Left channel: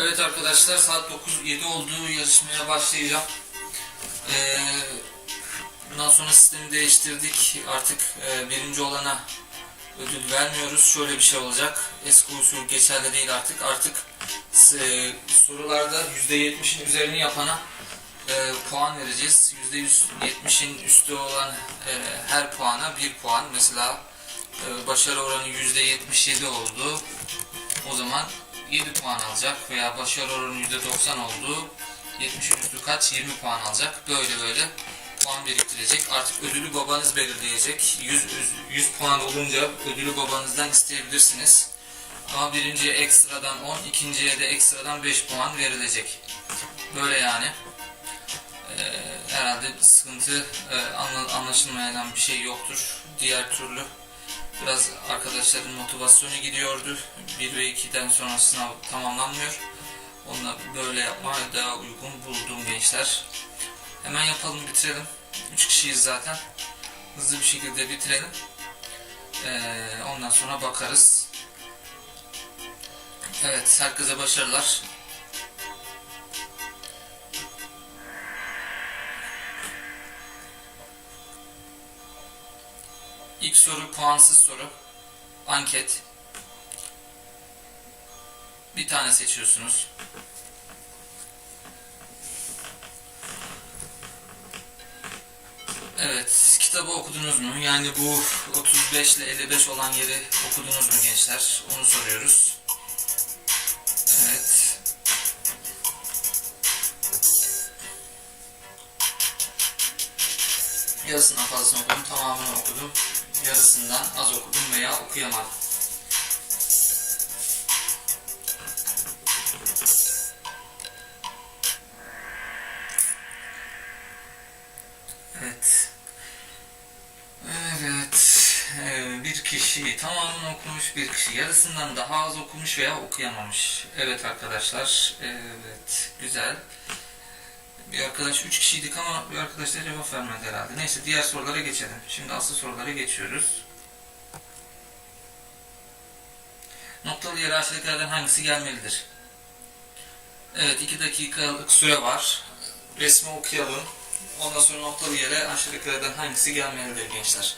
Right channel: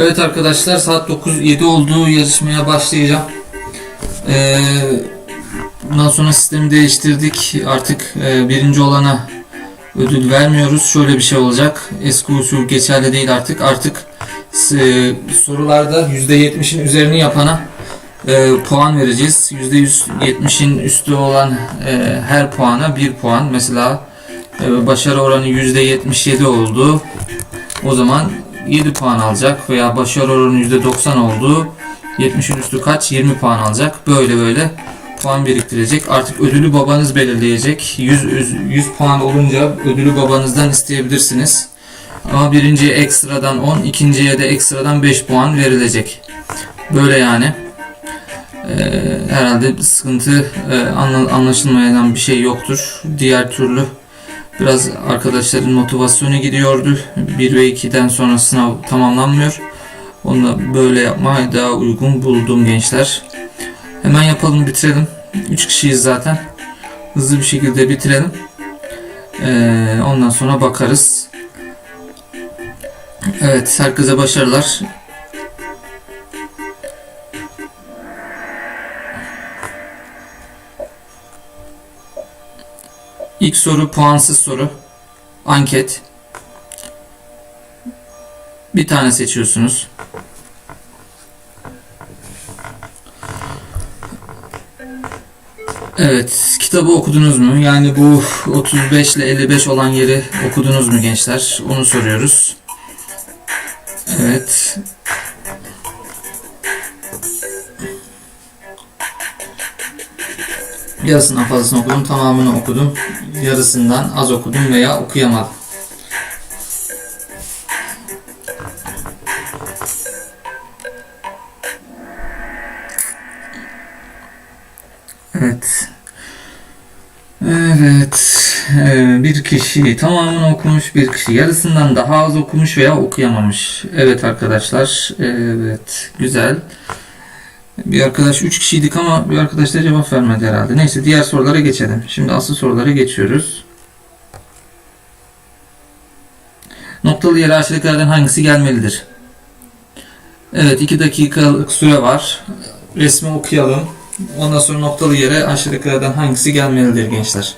Evet arkadaşlar saat 9.07 oldu yarışmaya başlayacağım. Ee, bundan sonra sistemi değiştirdik. Artık e, birinci olana ödül vermiyoruz. Şöyle bir şey olacak. Eski usul geçerli değil artık. Artık e, sorularda %70'in üzerini yapana e, puan vereceğiz. %170'in üstü olan e, her puana bir puan. Mesela e, başarı oranı %77 oldu. O zaman 7 puan alacak veya başarı oranı %90 oldu. 70'in üstü kaç? 20 puan alacak. Böyle böyle puan biriktirecek. Artık ödülü babanız belirleyecek. 100, 100, 100 puan olunca ödülü babanızdan isteyebilirsiniz. Ama birinciye ekstradan 10, ikinciye de ekstradan 5 puan verilecek. Böyle yani. Ee, herhalde sıkıntı e, anla- anlaşılmayan bir şey yoktur. Diğer türlü Biraz arkadaşların motivasyonu gidiyordu. 1 ve 2'den sonra sınav tamamlanmıyor. Onu böyle yapmaya daha uygun buldum gençler. Hemen yapalım bitirelim. 3 kişiyiz zaten. Hızlı bir şekilde bitirelim. Ee, ondan sonra bakarız. Evet herkese başarılar. İlk soru puansız soru. Anket. Bir tane seçiyorsunuz. Evet, kitabı okudunuz mu? Yani bu 35 ile 55 olan yeri okudunuz mu gençler? Onu soruyoruz. Evet. Yarısından fazlasını okudum, tamamını okudum. Yarısından az okudum veya okuyamadım. Evet. Evet. Ee, bir kişi tamamını okumuş, bir kişi yarısından daha az okumuş veya okuyamamış. Evet arkadaşlar. Evet. Güzel. Bir arkadaş 3 kişiydik ama bir arkadaş da cevap vermedi herhalde. Neyse diğer sorulara geçelim. Şimdi asıl sorulara geçiyoruz. Noktalı yere aşağıdakilerden hangisi gelmelidir? Evet 2 dakikalık süre var. Resmi okuyalım. Ondan sonra noktalı yere aşağıdakilerden hangisi gelmelidir gençler?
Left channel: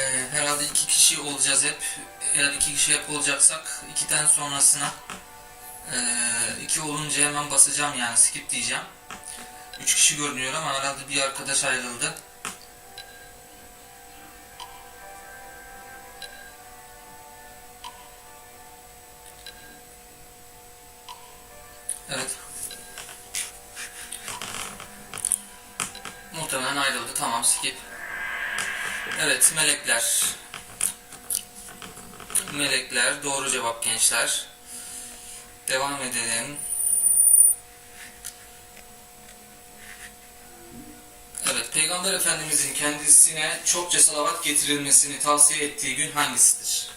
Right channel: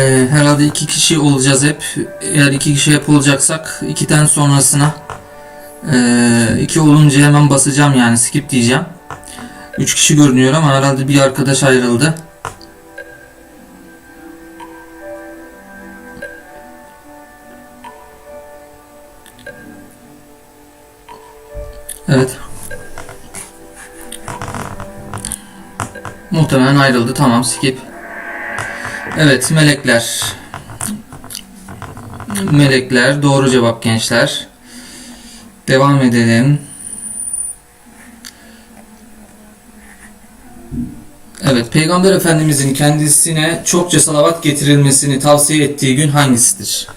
Ee, herhalde iki kişi olacağız hep. Eğer iki kişi hep olacaksak ikiden sonrasına ee, iki olunca hemen basacağım yani skip diyeceğim. Üç kişi görünüyor ama herhalde bir arkadaş ayrıldı. Evet. Muhtemelen ayrıldı. Tamam skip. Evet melekler. Melekler doğru cevap gençler. Devam edelim. Evet Peygamber Efendimizin kendisine çokça salavat getirilmesini tavsiye ettiği gün hangisidir?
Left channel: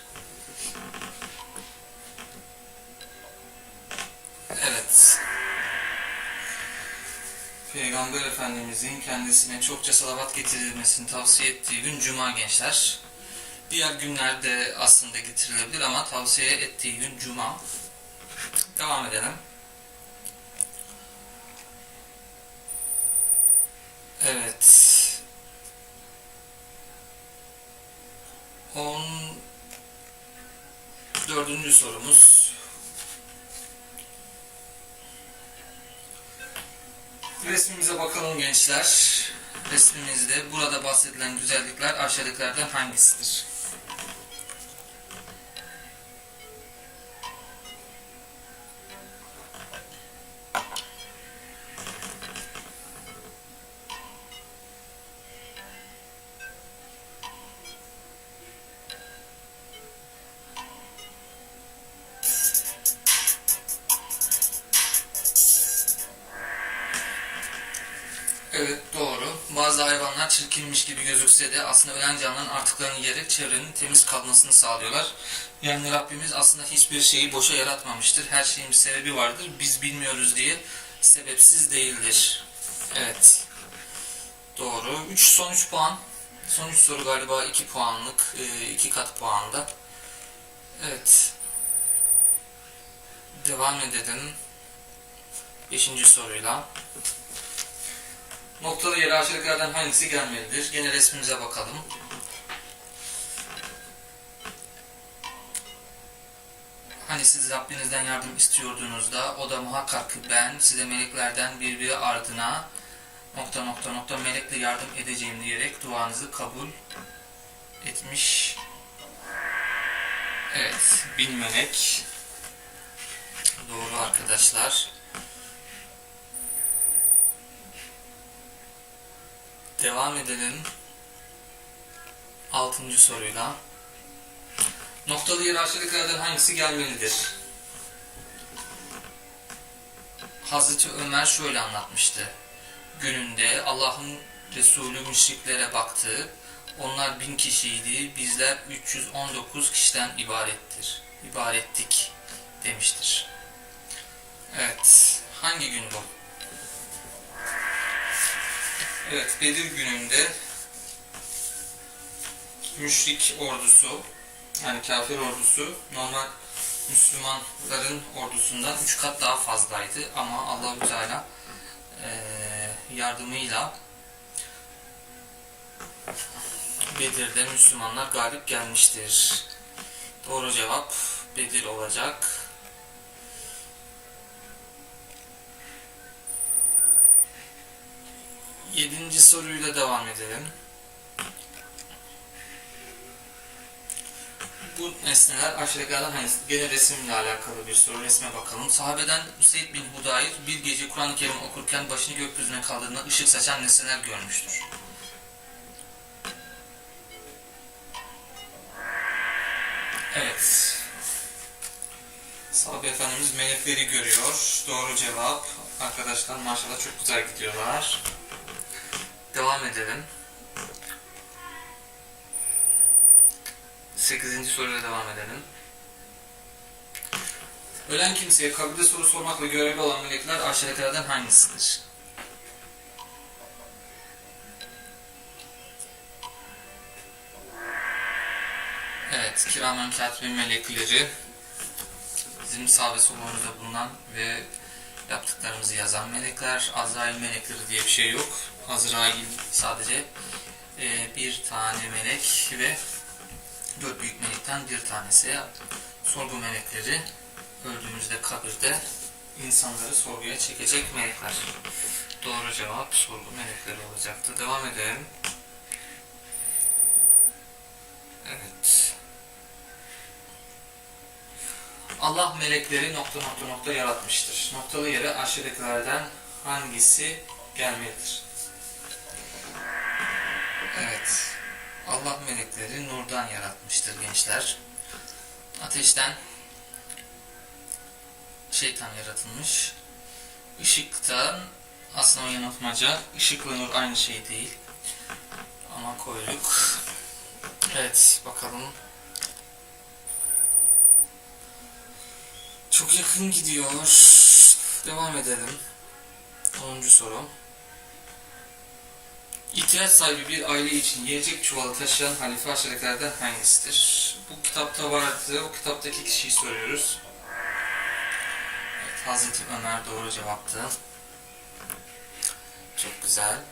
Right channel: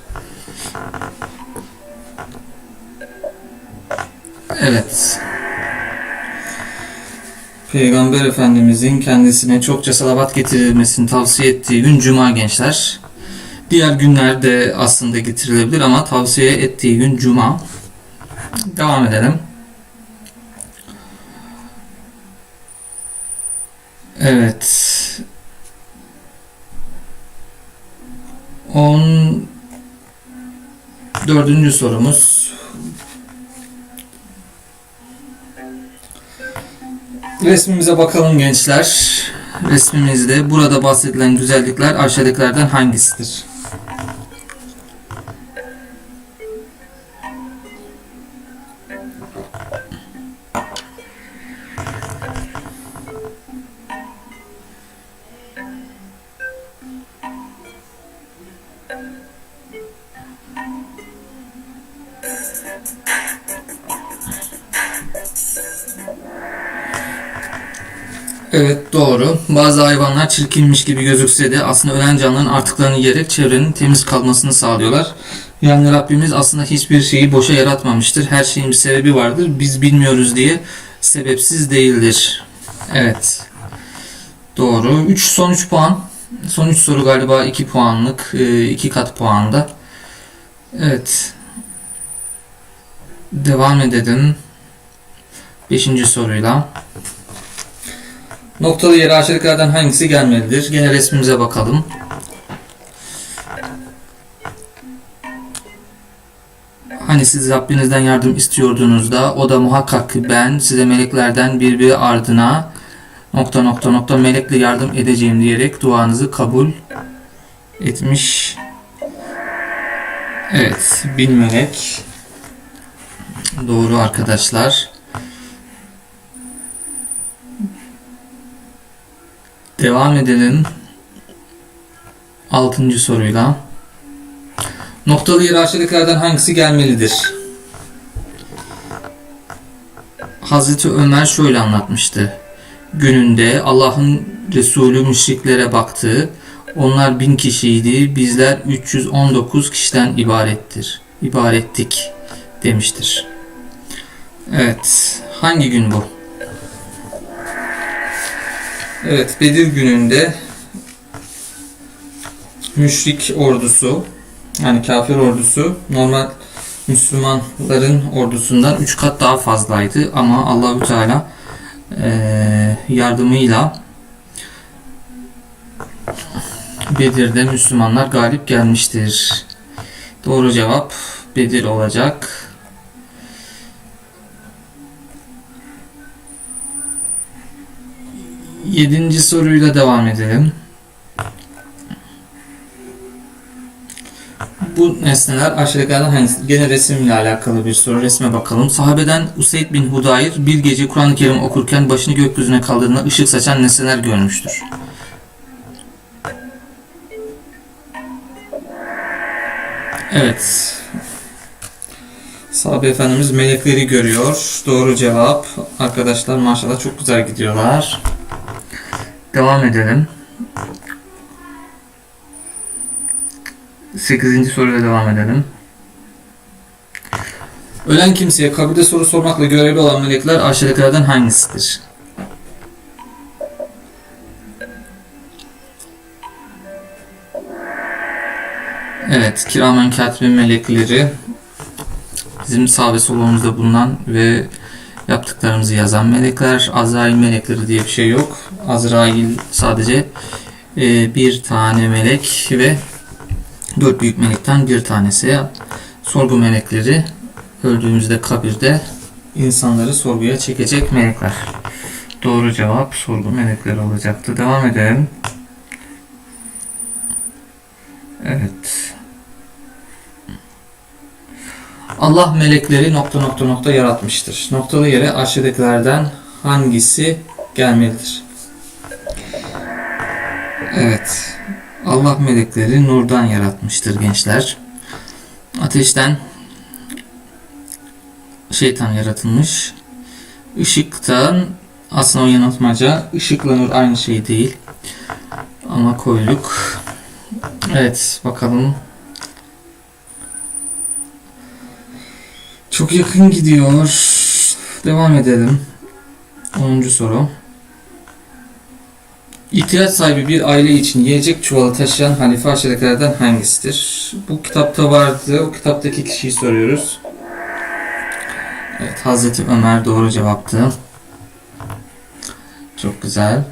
Evet. Peygamber Efendimizin kendisine çokça salavat getirilmesini tavsiye ettiği gün Cuma gençler. Diğer günlerde aslında getirilebilir ama tavsiye ettiği gün Cuma. Devam edelim. Evet. 14. sorumuz. Resmimize bakalım gençler. Resmimizde burada bahsedilen güzellikler aşağıdakilerden hangisidir? Bazı hayvanlar çirkinmiş gibi gözükse de aslında ölen canlıların artıklarını yiyerek çevrenin temiz kalmasını sağlıyorlar. Yani Rabbimiz aslında hiçbir şeyi boşa yaratmamıştır. Her şeyin bir sebebi vardır. Biz bilmiyoruz diye sebepsiz değildir. Evet. Doğru. 3 son 3 puan. Son 3 soru galiba 2 puanlık. 2 kat puanda. Evet. Devam edelim. 5. soruyla. Noktalı yere aşağıdakilerden hangisi gelmelidir? Gene resmimize bakalım. Hani siz Rabbinizden yardım istiyordunuz da o da muhakkak ben size meleklerden birbiri ardına nokta nokta nokta melekle yardım edeceğim diyerek duanızı kabul etmiş. Evet, bin melek. Doğru arkadaşlar. Devam edelim. Altıncı soruyla. Noktalı aşağıdakilerden hangisi gelmelidir? Hazreti Ömer şöyle anlatmıştı. Gününde Allah'ın Resulü müşriklere baktı. Onlar bin kişiydi. Bizler 319 kişiden ibarettir. İbarettik demiştir. Evet. Hangi gün bu? Evet. Bedir gününde müşrik ordusu yani kafir ordusu normal Müslümanların ordusundan 3 kat daha fazlaydı ama Allahü Teala eee, yardımıyla Bedir'de Müslümanlar galip gelmiştir. Doğru cevap Bedir olacak. Yedinci soruyla devam edelim. Bu nesneler aşağıdakilerden hangisi? Gene resimle alakalı bir soru. Resme bakalım. Sahabeden Useyd bin Hudayr bir gece Kur'an-ı Kerim okurken başını gökyüzüne kaldırdığında ışık saçan nesneler görmüştür. Evet. Sahabe Efendimiz melekleri görüyor. Doğru cevap. Arkadaşlar maşallah çok güzel gidiyorlar. Devam edelim. 8. soruyla devam edelim. Ölen kimseye kabirde soru sormakla görevli olan melekler aşağıdakilerden hangisidir? Evet, kiramen katibin melekleri bizim sağ ve solumuzda bulunan ve yaptıklarımızı yazan melekler. Azrail melekleri diye bir şey yok. Azrail sadece e, bir tane melek ve dört büyük melekten bir tanesi. Sorgu melekleri öldüğümüzde kabirde insanları sorguya çekecek melekler. Doğru cevap sorgu melekleri olacaktı. Devam edelim. Allah melekleri nokta nokta nokta yaratmıştır. Noktalı yere aşağıdakilerden hangisi gelmelidir? Evet. Allah melekleri nurdan yaratmıştır gençler. Ateşten şeytan yaratılmış. Işıktan aslında o yanıltmaca. Işıkla nur aynı şey değil. Ama koyduk. Evet bakalım. Çok yakın gidiyor. Devam edelim. 10. soru. İhtiyaç sahibi bir aile için yiyecek çuvalı taşıyan halife aşağıdakilerden hangisidir? Bu kitapta vardı. O kitaptaki kişiyi soruyoruz. Evet, Hazreti Ömer doğru cevaptı. Çok güzel.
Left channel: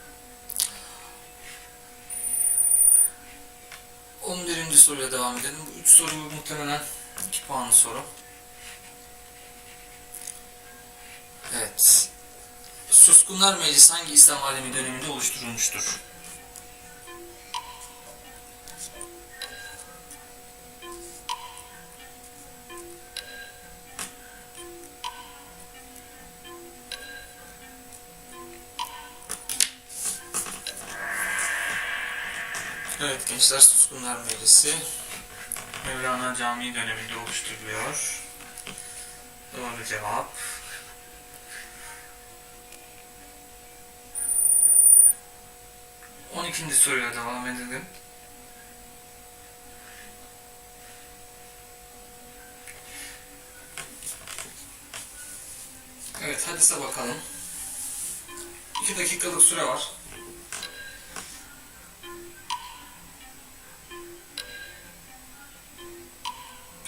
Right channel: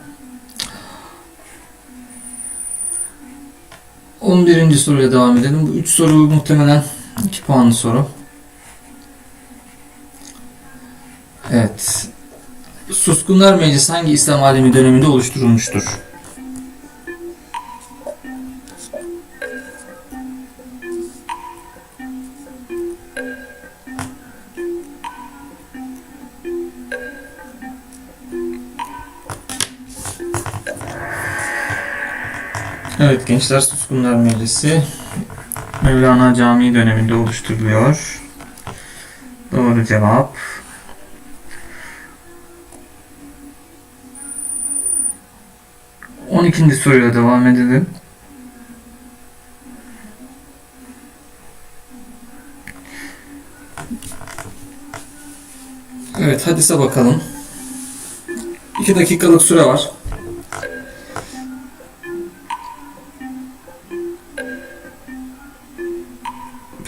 11. soruyla devam edelim. Bu 3 soru muhtemelen 2 puanlı soru. Evet. Suskunlar Meclisi hangi İslam alemi döneminde oluşturulmuştur? Evet gençler Suskunlar Meclisi Mevlana Camii döneminde oluşturuluyor. Doğru cevap. 12. soruyla devam edelim. Evet hadise bakalım. 2 dakikalık süre var.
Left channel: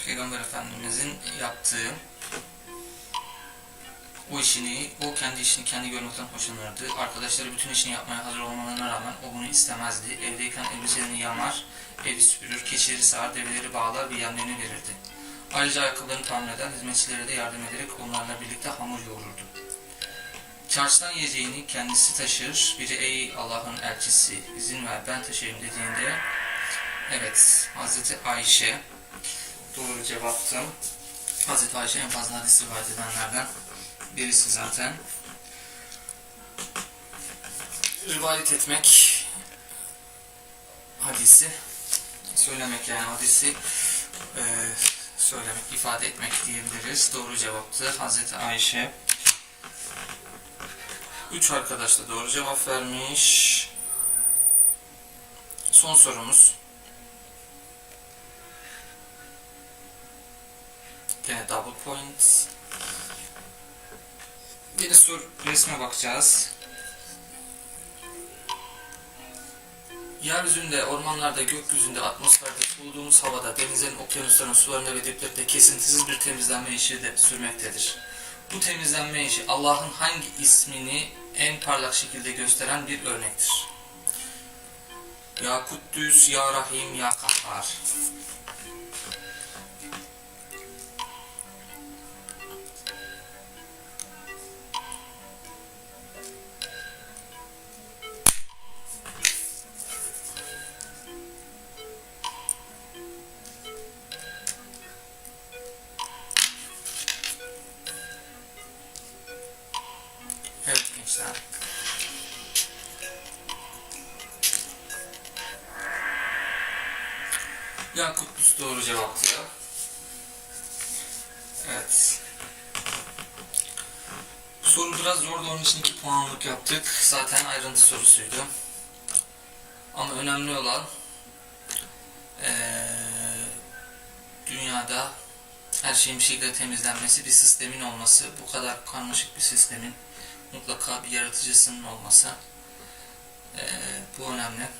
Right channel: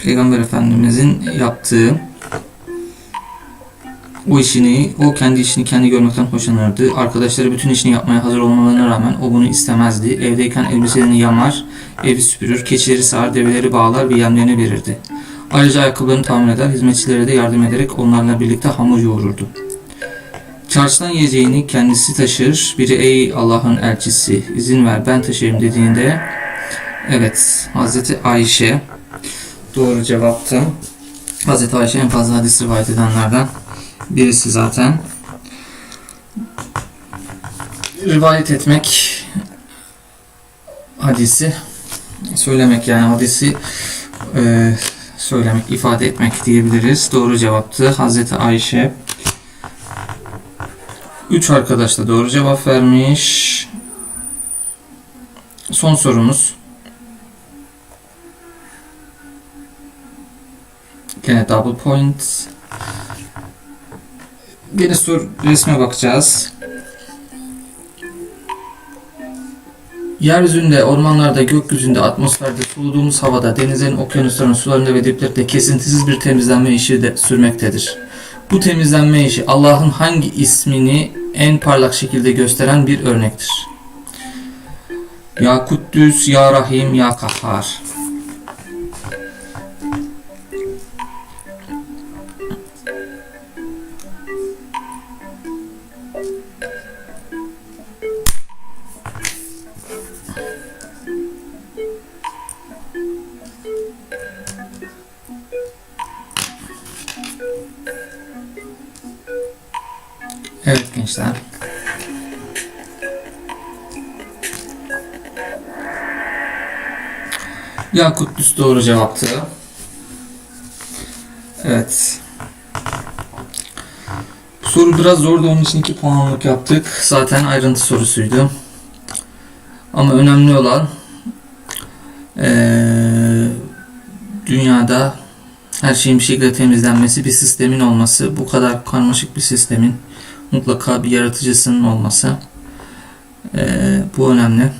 Peygamber Efendimizin yaptığı o işini, o kendi işini kendi görmekten hoşlanırdı. Arkadaşları bütün işini yapmaya hazır olmalarına rağmen o bunu istemezdi. Evdeyken elbiselerini yamar, evi süpürür, keçileri sağar, develeri bağlar ve yemlerini verirdi. Ayrıca ayakkabılarını tamir eder, hizmetçilere de yardım ederek onlarla birlikte hamur yoğururdu. Çarşıdan yiyeceğini kendisi taşır. Biri ey Allah'ın elçisi izin ver ben taşıyayım dediğinde evet Hazreti Ayşe doğru cevaptı. Hazreti Ayşe en fazla hadis rivayet edenlerden birisi zaten. Rivayet etmek hadisi söylemek yani hadisi e, söylemek, ifade etmek diyebiliriz. Doğru cevaptı. Hazreti Ayşe. Üç arkadaş da doğru cevap vermiş. Son sorumuz. Gene double point. Gene sor resme bakacağız. Yeryüzünde, ormanlarda, gökyüzünde, atmosferde, soluduğumuz havada, denizlerin, okyanusların, sularında ve diplerde kesintisiz bir temizlenme işi de sürmektedir. Bu temizlenme işi Allah'ın hangi ismini en parlak şekilde gösteren bir örnektir? Ya Kuddüs, Ya Rahim, Ya Kahhar. Evet gençler. Yakut Düz doğru cevaptı. Evet. Soru biraz zordu onun için 2 puanlık yaptık. Zaten ayrıntı sorusuydu. Ama önemli olan eee, dünyada her şeyin bir şekilde temizlenmesi, bir sistemin olması, bu kadar karmaşık bir sistemin mutlaka bir yaratıcısının olması. Ee, bu önemli.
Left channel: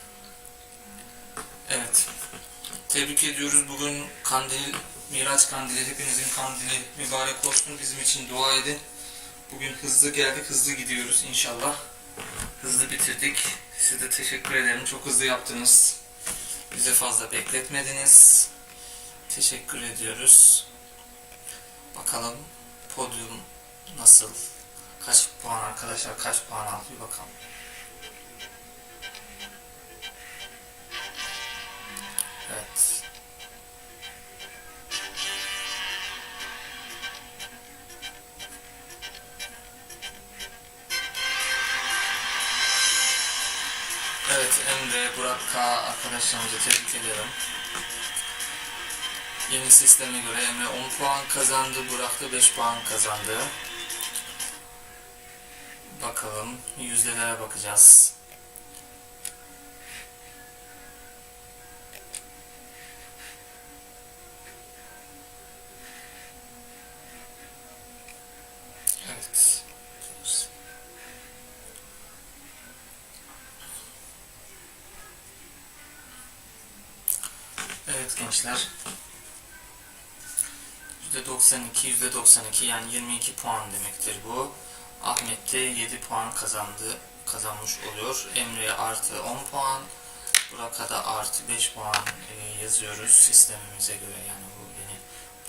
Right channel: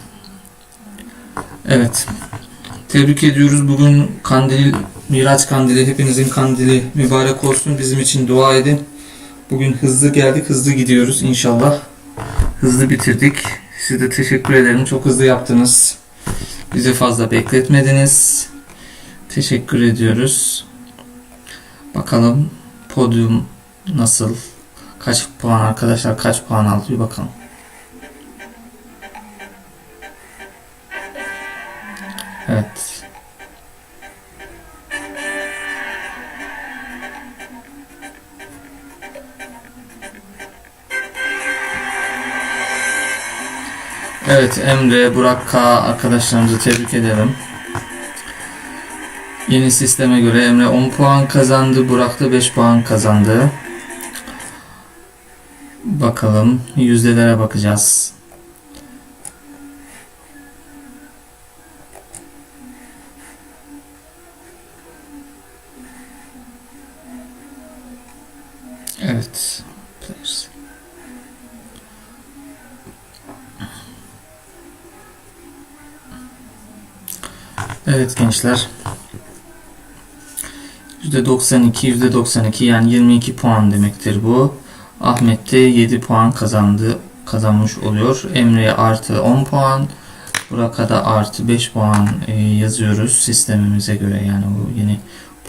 Evet. Tebrik ediyoruz. Bugün kandil, Miraç kandili, hepinizin kandili mübarek olsun. Bizim için dua edin. Bugün hızlı geldik, hızlı gidiyoruz inşallah. Hızlı bitirdik. Size teşekkür ederim. Çok hızlı yaptınız. Bizi fazla bekletmediniz. Teşekkür ediyoruz. Bakalım podyum nasıl? Kaç puan arkadaşlar kaç puan aldı bir bakalım. Evet. Evet Emre, Burak K arkadaşlarımızı tebrik ederim. Yeni sisteme göre Emre 10 puan kazandı, Burak da 5 puan kazandı. Bakalım yüzdelere bakacağız. Evet. Evet gençler. %92, %92 yani 22 puan demektir bu. Ahmet de 7 puan kazandı kazanmış oluyor. Emre'ye artı 10 puan. Burak'a da artı 5 puan e, yazıyoruz sistemimize göre yani bu yeni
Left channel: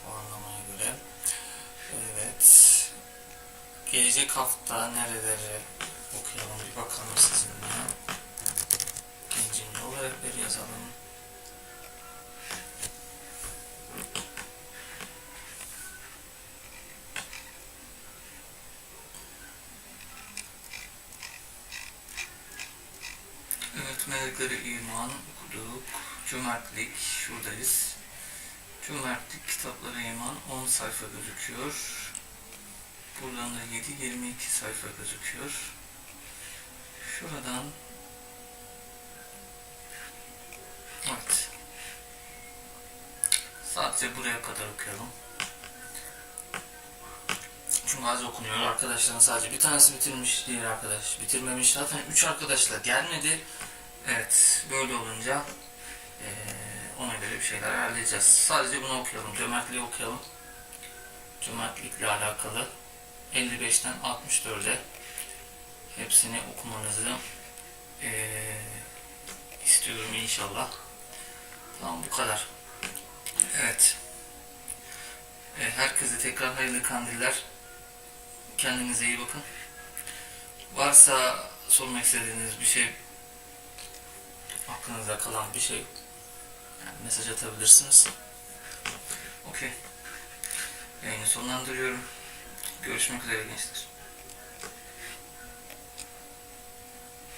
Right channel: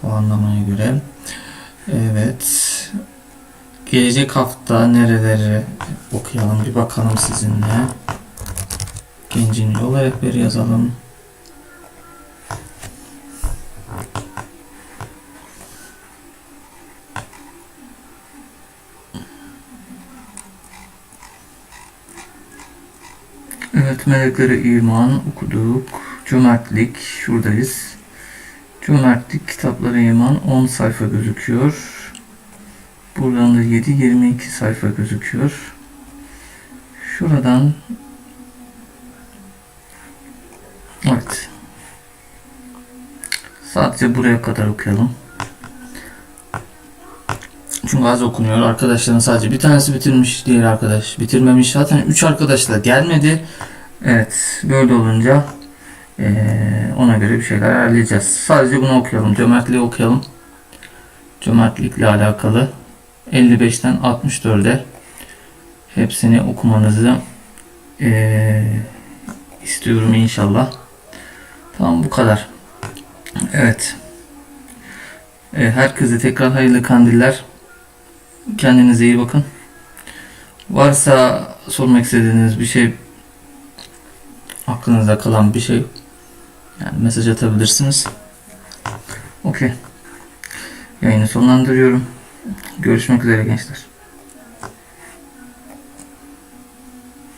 puanlamaya göre. Evet. Gelecek hafta nereleri okuyalım bir bakalım sizinle. Gencin yol rehberi yazalım. Evet, meleklere iman okuduk. Cömertlik, şuradayız. Cömertlik, kitaplara iman 10 sayfa gözüküyor. Buradan da 7, 22 sayfa gözüküyor. Şuradan Evet. Sadece buraya kadar okuyalım. Çünkü az okunuyor. Arkadaşların sadece bir tanesi bitirmiş, diğer arkadaş bitirmemiş. Zaten 3 arkadaş da gelmedi. Evet, böyle olunca eee, ona göre bir şeyler ayarlayacağız. Sadece bunu okuyalım. Cömertliği okuyalım. Cömertlikle alakalı 55'ten 64'e hepsini okumanızı eee, istiyorum inşallah. Tamam bu kadar. Evet. Ee, Herkese tekrar hayırlı kandiller. Kendinize iyi bakın. Varsa sormak istediğiniz bir şey aklınızda kalan bir şey yani mesaj atabilirsiniz. Okey. Yayını sonlandırıyorum. Görüşmek üzere gençler.